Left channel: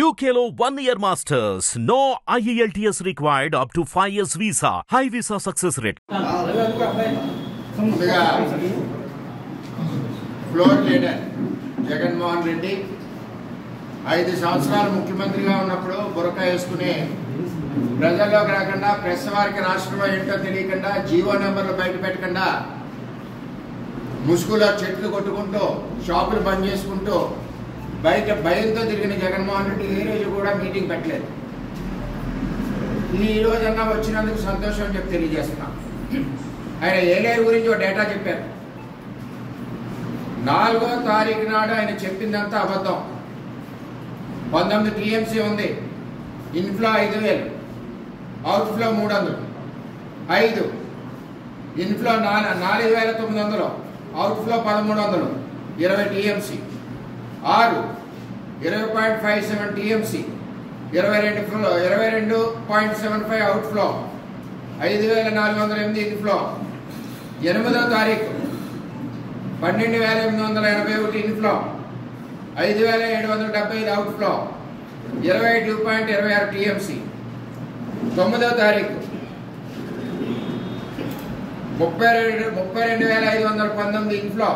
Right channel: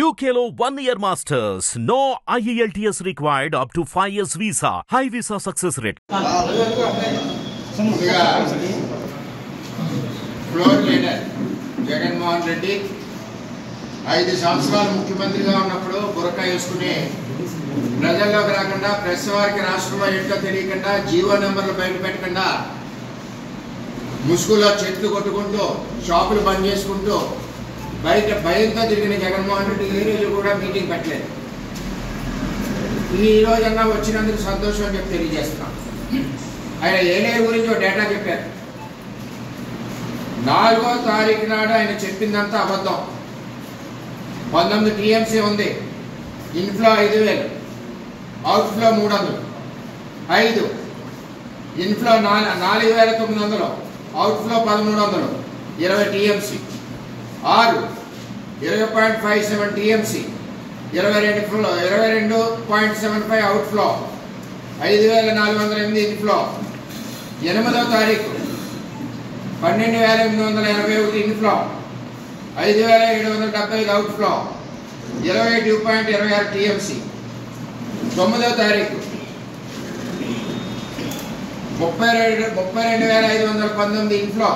UKలో 1 year masters. No IELTS required up to 5 years visa. High visa success rate. Floor leader Jaganmohan Reddy 5 సంవత్సరాలు ముఖ్యమంత్రిగా ఉన్నప్పుడు బురక వేసుకుని ప్రజల్లోకి రాకుండా ప్రెస్ వారికి రాష్ట్రంలో ఏంటో తెలియకుండా జీవో నెంబర్లు బయట పెట్టకుండా ముసుగులో చెట్లు కొట్టుకుంటూ షాపులు బంద్ చేసుకుంటూ బయట భయంతో తిరిగిన జగన్మోహన్ రెడ్డి ఏ రోజు కూడా మీటింగ్ పెట్టలేదు. ఈ రోజన్నా వచ్చినందుకు సంతోషం అని చెప్పి తెలియజేస్తున్నాం. ఆయన ఏలేరు గురించి ఒక డేటా చెప్పారు. 4వ తారీఖు నాడు ఆయన చెప్పిందంతా అబద్ధం. 19 టీఎంసీ ఉంది. Inflow 5,000, outflow 300. 5 inflow 4,900, outflow 1,300, 20 TMC. 6 20.57 TMC, 22.75 outflow, 5,408 inflow. 8వ తారీఖు 12,881 ఇన్ఫ్లో, 5,775 అవుట్ఫ్లో, 22.26 టీఎంసీ. 9వ తారీఖు 32,519 ఇన్ఫ్లో,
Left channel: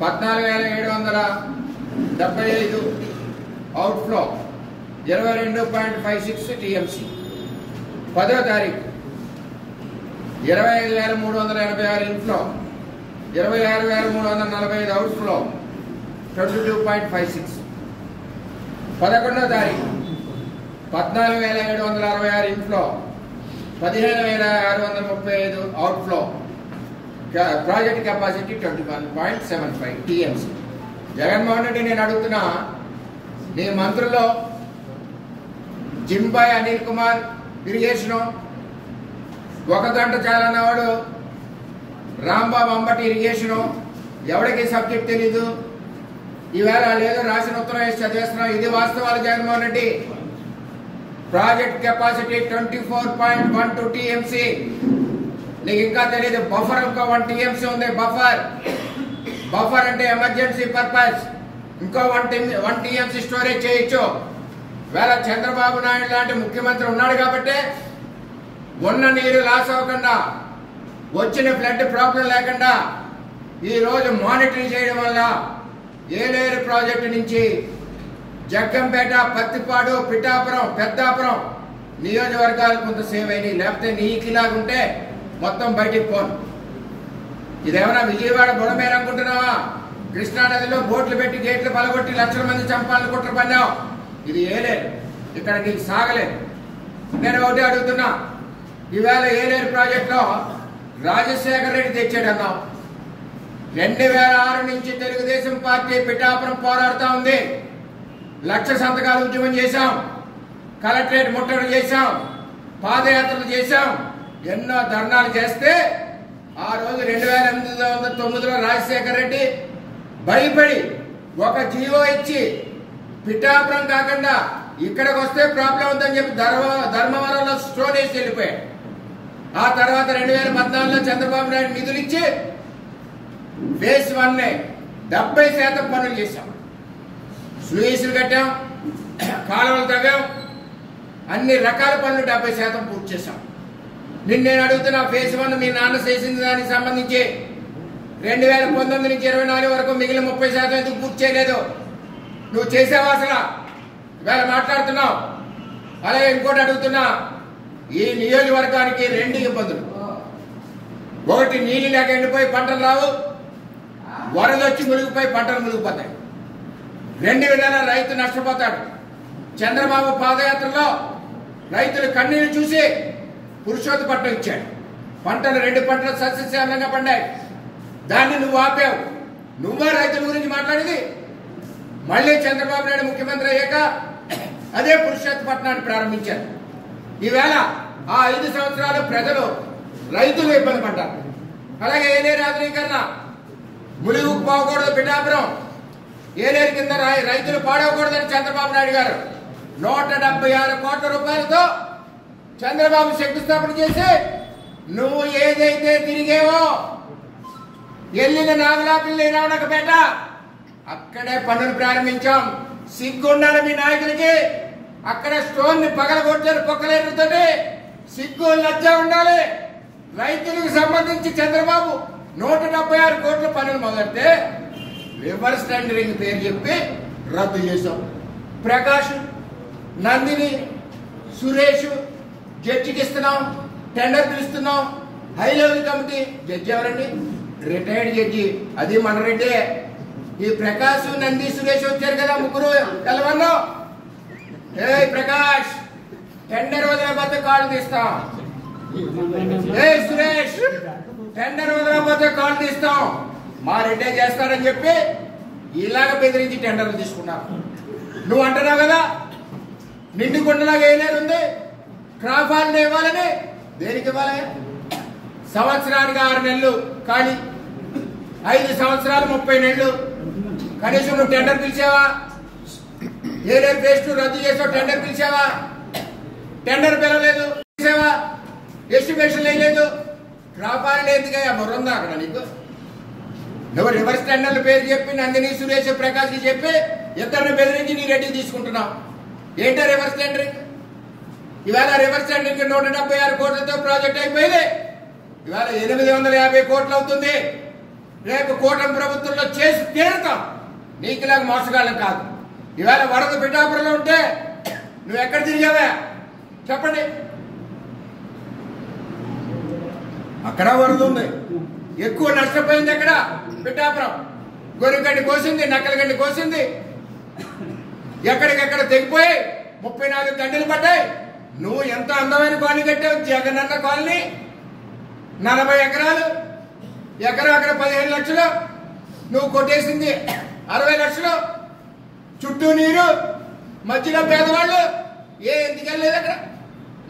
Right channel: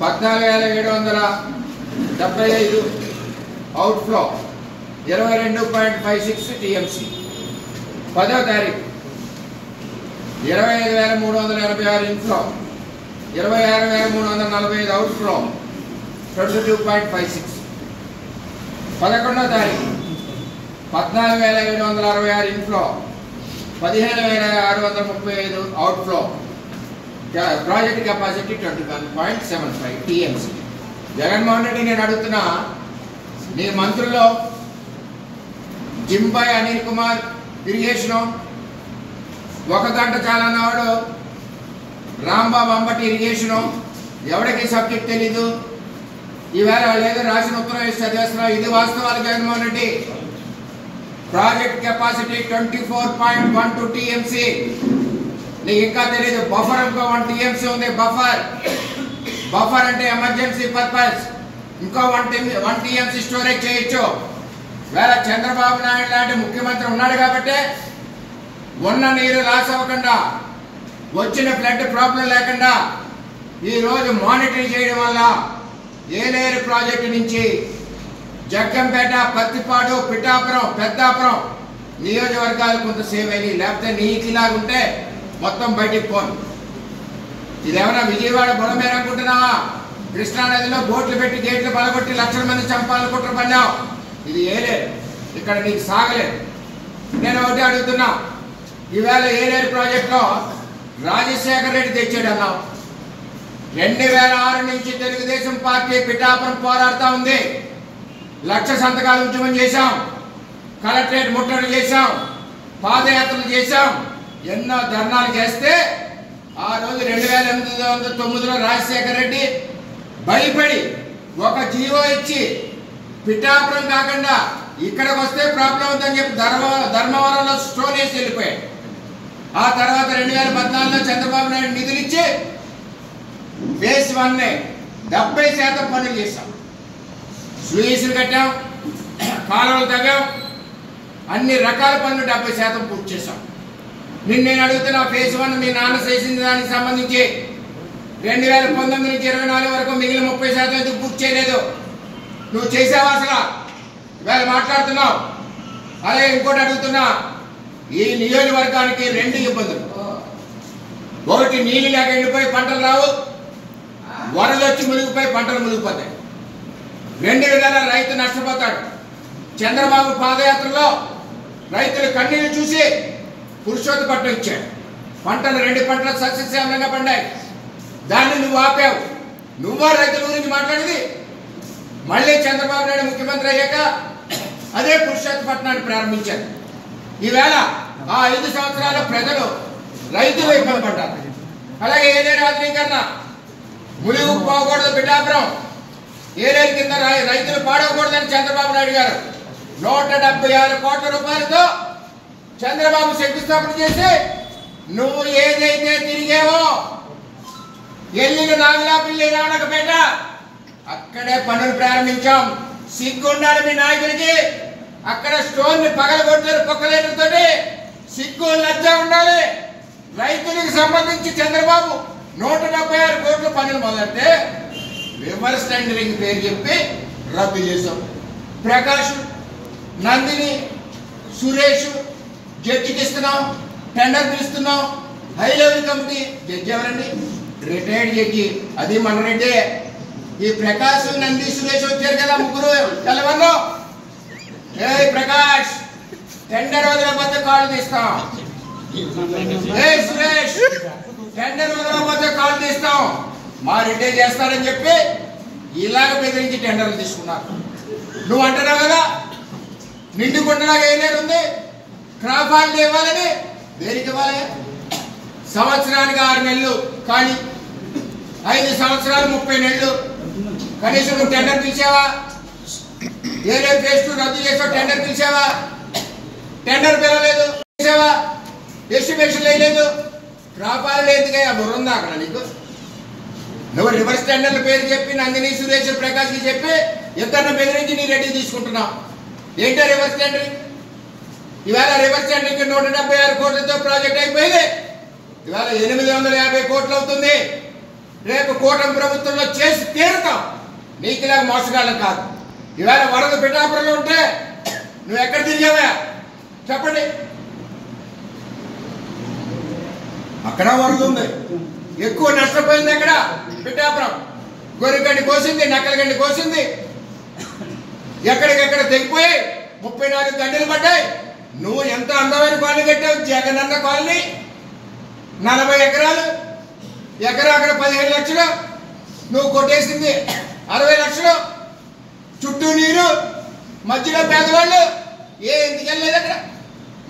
14,775 అవుట్ఫ్లో, 22.56 టీఎంసీ. 10వ తారీఖు 25,386 ఇన్ఫ్లో, 26,345 అవుట్ఫ్లో, 22.56. 11వ తారీఖు 14,766 inflow, 15,635 outflow, project capacity 21.75 TMC. Jaganmohan Reddy, నేను అడుగుతున్నా, నీ మంత్రుల్లో జింబాయ్ అనిల్ కుమార్ ఇరిగేషను, 1 గంట చాలన్నవాడు రాంబాబు అంబటి ఇరిగేషను, ఎవరికి సబ్జెక్ట్ తెలీదు. ఈవేళ లేదా రాసిన ఉత్తరం వేసి చదివేస్తున్నావు. ఇది వాస్తవాలు. Jaganmohan Reddy, project capacity 24.12 TMC. నీకు ఇంకా తెలియదు. బఫర్ ఇంకో 1 టీఎంసీ ఉంది. బఫర్ అంటే ఎమర్జెన్సీ పర్పస్. ఇంకో 1 టీఎంసీ స్టోరేజ్ చేయొచ్చు. వేళ చంద్రబాబు నాయుడు లాంటి ముఖ్యమంత్రి ఉన్నాడు కాబట్టి ఉన్న నీరు లాస్ అవ్వకుండా, వచ్చిన ఫ్లడ్ ప్రాబ్లం లేకుండా ఈరోజు మానిటరింగ్ చేయడం వల్ల ఏలేరు ప్రాజెక్టు నుంచి జగ్గంపేట, పత్తిపాడు, పిఠాపురం, పెద్దాపురం నియోజకవర్గాలు కొంత సేవ్ అయినాయి. లేకపోతే నీటిలాగుంటే మొత్తం బయటికి పోను. ఇదేమన్నా విజయవాడ బుడమేర అనుకుంటున్నావా? కృష్ణానదిలో బోట్లు పెట్టి గేట్లు పలగొట్టి లక్షల మంది చంపాలని కుట్ర పన్నావు. ఇది ఏలేరు. ఇక్కడ నీకు సాగలేదు. నేను ఒకటి అడుగుతున్నా, ఈవేళ ఏలేరు ప్రాజెక్టులో రాజశేఖర రెడ్డి తెచ్చాడన్నావు. 2006 నుంచి తెలుగుదేశం పార్టీ పిఠాపురం పోరాడుతూ ఉంది. 1,00,000 సంతకాలు ఉద్యమం చేశాం, కలెక్టరేట్ ముట్టడి చేశాం, పాదయాత్రలు చేశాం, ఎన్నో ధర్నాలు చేస్తే ఆ రోజు 2009లో రాజశేఖర రెడ్డి భయపడి ఒక జీవో ఇచ్చి పిఠాపురం కాకుండా ఇక్కడికి వస్తే ప్రాబ్లం ఉందని చెప్పి ధర్మవరంలో స్టోన్ వేసి వెళ్ళిపోయాడు. ఆ తర్వాత 2014లో చంద్రబాబు నాయుడు నిధులు ఇచ్చి ఫేజ్ 1 70% పనులు చేశాం. స్లూయిస్లు కట్టాం, కాలువలు తవ్వాం, అన్ని రకాల పనులు 70% పూర్తి చేశాం. నేను అడుగుతున్నా, ఫేజ్ 1 మీ నాన్న చేసిన దానికి సంబంధించి 2019 నుంచి 24 వరకు మిగిలిన 30% ఎందుకు పూర్తి చేయలేదు? నువ్వు చేసావా అసలు? ఇవాళ మాట్లాడుతున్నావు. అలాగే ఇంకోటి అడుగుతున్నా, ఈ నియోజకవర్గానికి 2 ఇబ్బందులు. ఒకటి, నీళ్ళు లేక ఎండిపోయి పంటలు రావు, వరదొచ్చి మునిగిపోయి పంటలు మునిగిపోతాయి. 2 విధాల రైతు నష్టపోతాడు. చంద్రబాబు పాదయాత్రలో రైతుల కన్నీళ్లు చూసి పురుషోత్తపట్నం ఇచ్చాడు. పంటలు 2 పంటలు సస్యశ్యామలంగా పండాయి. దాన్ని నువ్వు ఆపావు. నువ్వా రైతుల గురించి మాట్లాడేది? మళ్ళీ చంద్రబాబు నాయుడు ముఖ్యమంత్రి అయ్యాక అదే పురుషోత్తపట్నాన్ని ప్రారంభించారు. ఈవేళ ఆ 5 సంవత్సరాలు ప్రజలు, రైతులు ఇబ్బంది పడ్డారు. అలాగే ఏలేరు ఆధునీకరణ, ములుగు పోకూడదు, పిఠాపురం ఏలేరు కింద రైతులు పాడవకూడదని చంద్రబాబు నాయుడు గారు 176 కోట్ల రూపాయలతో చంద్రబాబు శంకుస్థాపన చేసి, నువ్వు ఏదైతే తిరిగేవో వెళ్ళిన నాగలాపల్లి, నానకపేట, అక్కడే పనులు ప్రారంభించాం. సిగ్గుండాలి మీ నాయకుడికి. అక్కడ స్టోన్ ని పగలగొట్టారు పొక్కలేటతో. సిగ్గు లజ్జ ఉండాలి. రైతులకు సంబంధించి చంద్రబాబు 176 కోట్ల పనులు మొదలెడితే రివర్స్ టెండరింగ్ పేరు చెప్పి రద్దు చేశాం. ప్రకాష్, నందిని, సురేష్ జడ్జికి ఇస్తున్నాం, టెండర్ పిలుస్తున్నాం. హై లెవెల్ కమిటీ జడ్జి ఎవరండి? రిటైర్డ్ జడ్జి, అది మన రెడ్డి. ఈ ప్రకాష్, నంది, సురేష్ వచ్చారు కదా, ముగ్గురు తెలవను. ఏ ప్రకాష్, టెండర్ వదలకపోతే కాళ్ళు తీస్తాం. ఏ సురేష్, టెండర్ వదలకపోతే కాళ్ళు తీస్తాం. మా రెడ్డి చేస్తారని చెప్పి ఇలాగ బెదిరించి టెండర్లు తీసుకున్నారు. నువ్వు అంటున్నావు కదా నిండుకుంటున్నాగా ఏనేది ఉంది, క్రాప్ హాలిడే ఇవ్వాలని. దేనికి ఇవ్వాలి? సంవత్సరానికి 6 నెలలు కానీ 5 సంవత్సరాలు 30 నెలలు. కనీసం నువ్వు టెండర్ పిలిచావా? ఏరే పేస్ట్ రద్దు చేసావు, టెండర్ పిలిచావా? టెండర్ పిలవలేదు, పిలిచావా? ఎస్టిమేషన్ లేదు. క్రాప్ హాలిడే ఎందుకయ్యా? బుర్రుందా అక్కడ నీకు? నువ్వు రివర్స్ టెండర్ల పేరు చెప్పి నందిని, సురేష్, ప్రకాష్ కి చెప్పి ఇద్దరిని బెదిరించి నీ రెడ్డి తీసుకుంటున్నావు. ఏంటో రివర్స్ టెండరింగ్? ఇవాళ రివర్స్ టెండరింగ్ 176 కోట్లతో ప్రాజెక్ట్ అయిపోయింది. ఇవాళ 850 కోట్లు అవుతుంది. రేపు కూటమి ప్రభుత్వంలో చేసి తీరుతాం. నీకు ఇలాగ మోసగాళ్ళం కాదు. ఇవాళ వరద పిఠాపురంలో ఉంటే నువ్వు ఎక్కడ తిరిగావా చెప్పండి? అక్కడ వరద ఉంది, ఎక్కువ నష్టపోయింది. అక్కడ పిఠాపురం గొర్రెగడ్డి కోసింది, నక్కలగడ్డి కోసింది, ఎక్కడికెక్కడ తెగిపోయి 34 గడ్డలు పడ్డాయి. నువ్వు ఎంత అందమైన కాలనీ కట్టావు, జగనన్న కాలనీ. 40 ఎకరాలు, ఎకరా అక్కడ 15 లక్షలు. నువ్వు కొట్టేసింది 60 లక్షలు. చుట్టూ నీరు, మధ్యలో పేదవాళ్ళు. ఎందుకు వెళ్ళలేదు అక్కడ?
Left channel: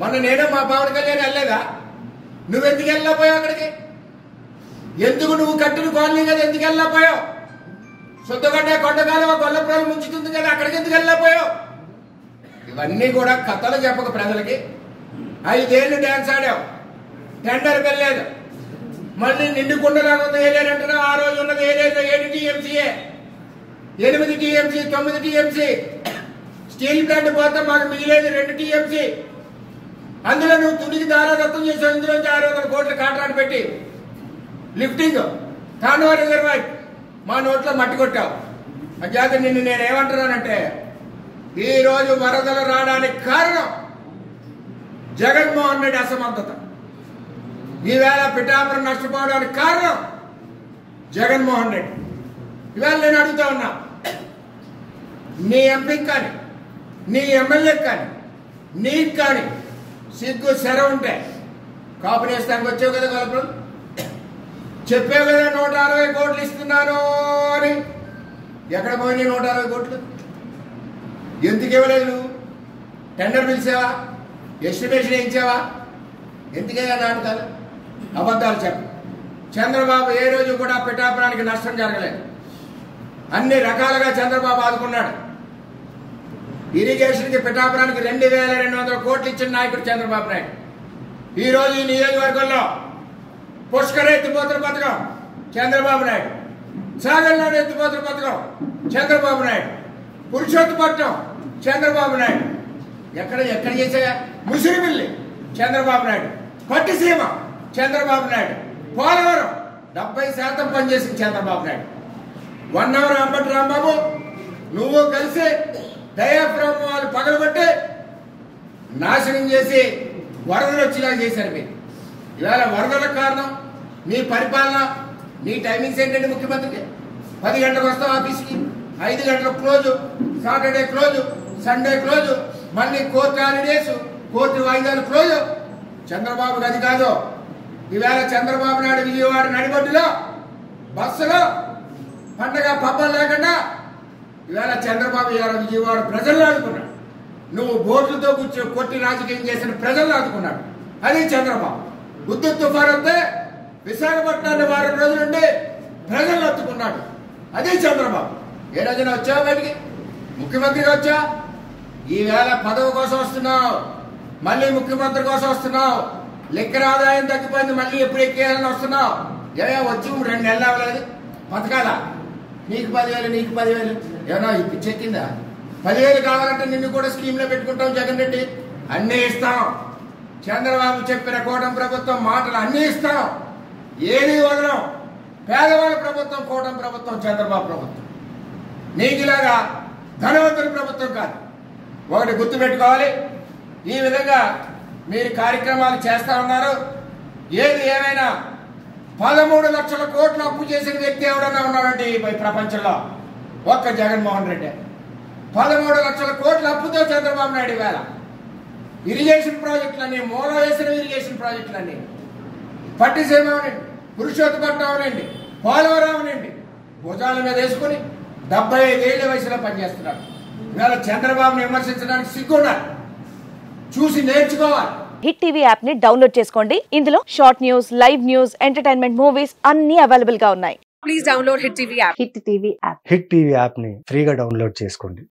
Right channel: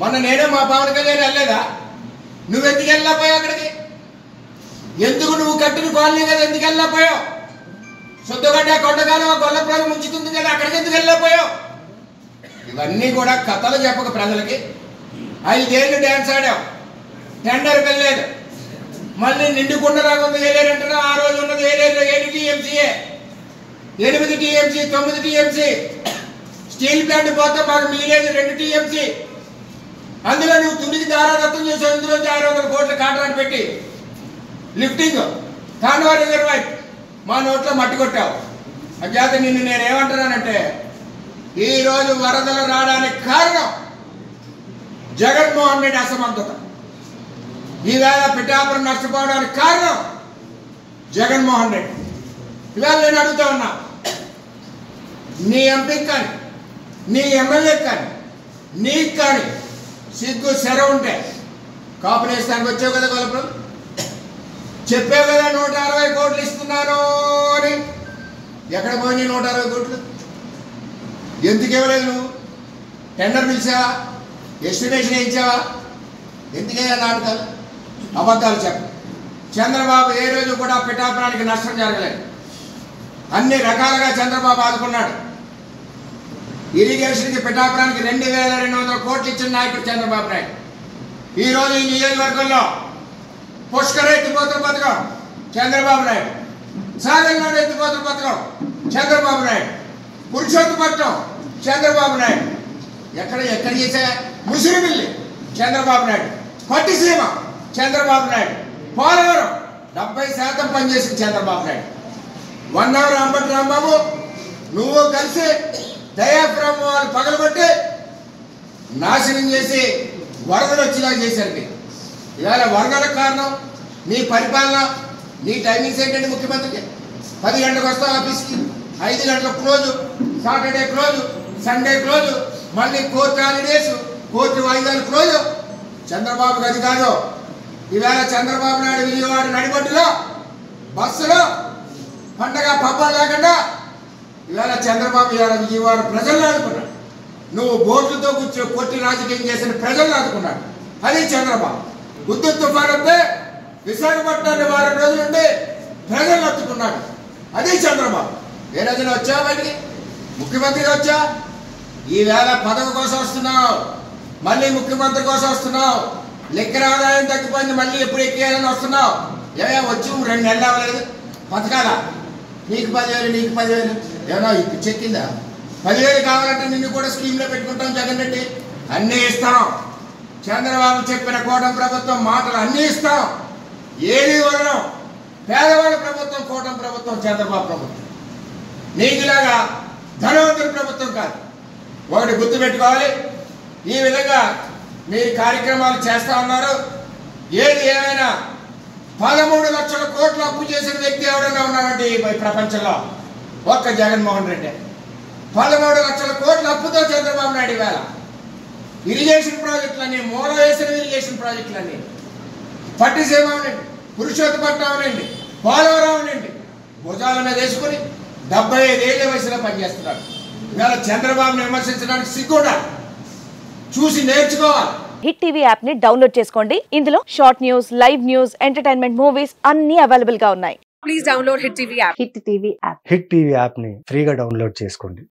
మొన్న నేను మా పవన్ కళ్యాణ్ వెళ్ళలేదా? నువ్వెందుకు వెళ్ళకపోయావు అక్కడికి? ఎందుకు నువ్వు కట్టిన కాలనీ కదా, ఎందుకు వెళ్ళకపోయావు? శుద్ధగడ్డ కొండగాలు గొల్లపురాలు ముంచుతుంది కదా, అక్కడికి ఎందుకు వెళ్ళకపోయావు? ఇవన్నీ కూడా కథలు చెప్పక ప్రజలకి. 5 ఏళ్ళు డ్యాన్స్ ఆడావు, టెండర్ వెళ్ళలేదు. మళ్ళీ నిండుకుండ రాకుండా ఏలేరంటున్నావు. ఆ రోజు ఉన్నది ఏలేదు 7 టీఎంసీఏ, 8 టీఎంసీ, 9 టీఎంసీ. స్టీల్ ప్లాంట్ పోతే మాకు మిగిలేదు 2 టీఎంసీ. అందులో నువ్వు తుదికి దారాదత్తం చేసావు. ఇందులో 600 కోట్ల కాంట్రాక్ట్ పెట్టి లిఫ్టింగ్ కాండవా రిజర్వాయర్ మా నోట్లో మట్టి కొట్టావు. అంచేత నిన్ను నేను ఏమంటున్నానంటే, ఈరోజు వరదలు రావడానికి కారణం జగన్మోహన్ రెడ్డి అసమర్థత. ఈవేళ పిఠాపురం నష్టపోవడానికి కారణం జగన్మోహన్ రెడ్డి. ఇవాళ నేను అడుగుతా ఉన్నా, నీ ఎంపీకి కానీ, నీ ఎమ్మెల్యేకి కానీ, నీకు కానీ సిగ్గు సెర ఉంటే కాపునేస్తానికి వచ్చావు కదా గొల్లపురం. చెప్పావు కదా 160 కోట్లు ఇస్తున్నాను అని. ఎక్కడ పోయినాయి 160 కోట్లు? ఎందుకు ఇవ్వలేదు నువ్వు? టెండర్ పిలిచావా? ఎస్టిమేషన్ వేయించావా? ఎందుకయ్యా నాటకాలు, అబద్ధాలు చెప్పు? చంద్రబాబు ఏ రోజు కూడా పిఠాపురానికి నష్టం జరగలేదు. అన్ని రకాలుగా చంద్రబాబు ఆదుకున్నాడు. ఇరిగేషన్కి పిఠాపురానికి 2200 కోట్లు ఇచ్చిన నాయకుడు చంద్రబాబు నాయుడు. ఈరోజు ఈ నియోజకవర్గంలో పుష్కర ఎత్తిపోతుల పథకం చంద్రబాబు నాయుడు, సాగర్ ఎత్తిపోతుల పథకం చంద్రబాబు నాయుడు, పురుషోత్తపట్నం చంద్రబాబు నాయుడు. ఎక్కడ చేసా? ముసిరిమిల్లి చంద్రబాబు నాయుడు, పట్టిసీమ చంద్రబాబు నాయుడు, పోలవరం 70% పనిచేసిన చంద్రబాబు నాయుడు. 1 అవర్ అంబటి రాంబాబు నువ్వు కలిసి దయాప్రమాలు పగలబట్టి నాశనం చేసి వరదలు వచ్చేలా చేశారు. మీరు ఇవాళ వరదలకు కారణం నీ పరిపాలన, నీ టైమింగ్స్ ఏంటంటే ముఖ్యమంత్రికి 10 గంటలకు వస్తావు ఆఫీస్కి, 5 గంటలకు close, Saturday close, Sunday close, మళ్ళీ కోర్టు హాలిడేస్, కోర్టు వాయిదాలు క్లోజు. చంద్రబాబుకి అది కాదు. ఈవేళ చంద్రబాబు నాయుడు విజయవాడ నడిబొడ్డులో బస్సులో పండగ పబ్బం లేకుండా ఈవేళ చంద్రబాబు విజయవాడ ప్రజలను ఆదుకున్నాడు. నువ్వు బోట్లతో కూర్చో కొట్టి రాజకీయం చేసిన ప్రజలను ఆదుకున్నాడు. అది చంద్రబాబు. ఉద్దు తుఫాను వస్తే విశాఖపట్నాన్ని 4 రోజులుండి ప్రజలను అత్తుకున్నాడు. అది చంద్రబాబు. ఏ రోజున వచ్చావు బయటికి? ముఖ్యమంత్రిగా వచ్చా. ఈవేళ పదవి కోసం వస్తున్నావు, మళ్ళీ ముఖ్యమంత్రి కోసం వస్తున్నావు. లెక్కర ఆదాయం తగ్గిపోయింది, మళ్ళీ ఎప్పుడు ఎక్కేయాలని వస్తున్నావు. వచ్చి 2 నెలలు అవ్వలేదు. పథకాలా? నీకు 10,000, నీకు 10,000. ఏమన్నా ఇప్పుడు చెక్కిందా? 10,000 కావాలంటే నిన్ను కూడా స్కీమ్లో పెట్టుకుంటాం జగన్ రెడ్డి, అన్నీ ఇస్తాం. చంద్రబాబు చెప్పిన కూటమి ప్రభుత్వం మాటలు అన్నీ ఇస్తాం, ఏది వదలం. పేదవాళ్ళ ప్రభుత్వం కూటమి ప్రభుత్వం, చంద్రబాబు ప్రభుత్వం. నీకులాగా ధనవంతుల ప్రభుత్వం కాదు. ఒకటి గుర్తుపెట్టుకోవాలి. ఈ విధంగా మీరు కార్యక్రమాలు చేస్తా ఉన్నారు. ఏది ఏమైనా 13 లక్షల కోట్లు అప్పు చేసిన వ్యక్తి ఎవరైనా ఉన్నారంటే ఈ ప్రపంచంలో ఒక్క జగన్మోహన్ రెడ్డి. 13 లక్షల కోట్ల అప్పుతో చంద్రబాబు నాయుడు వేళ ఇరిగేషన్ ప్రాజెక్టులన్నీ, మూల వేసిన ఇరిగేషన్ ప్రాజెక్టులన్నీ, పట్టిసీమ అవనండి, పురుషోత్తపట్నం అవనండి, పోలవరం అవనండి, భుజాల మీద వేసుకుని 75 ఏళ్ల వయసులో పనిచేస్తున్నాడు. ఇవాళ చంద్రబాబును విమర్శించడానికి సిగ్గుండాలి, చూసి నేర్చుకోవాలి. హిట్ టీవీ యాప్ ని డౌన్లోడ్ చేసుకోండి. ఇందులో short news, live news, entertainment movies అన్ని అవైలబుల్ గా ఉన్నాయి. Please download hit TV app. Hit TV app ని ఫ్రీగా డౌన్లోడ్ చేసుకోండి.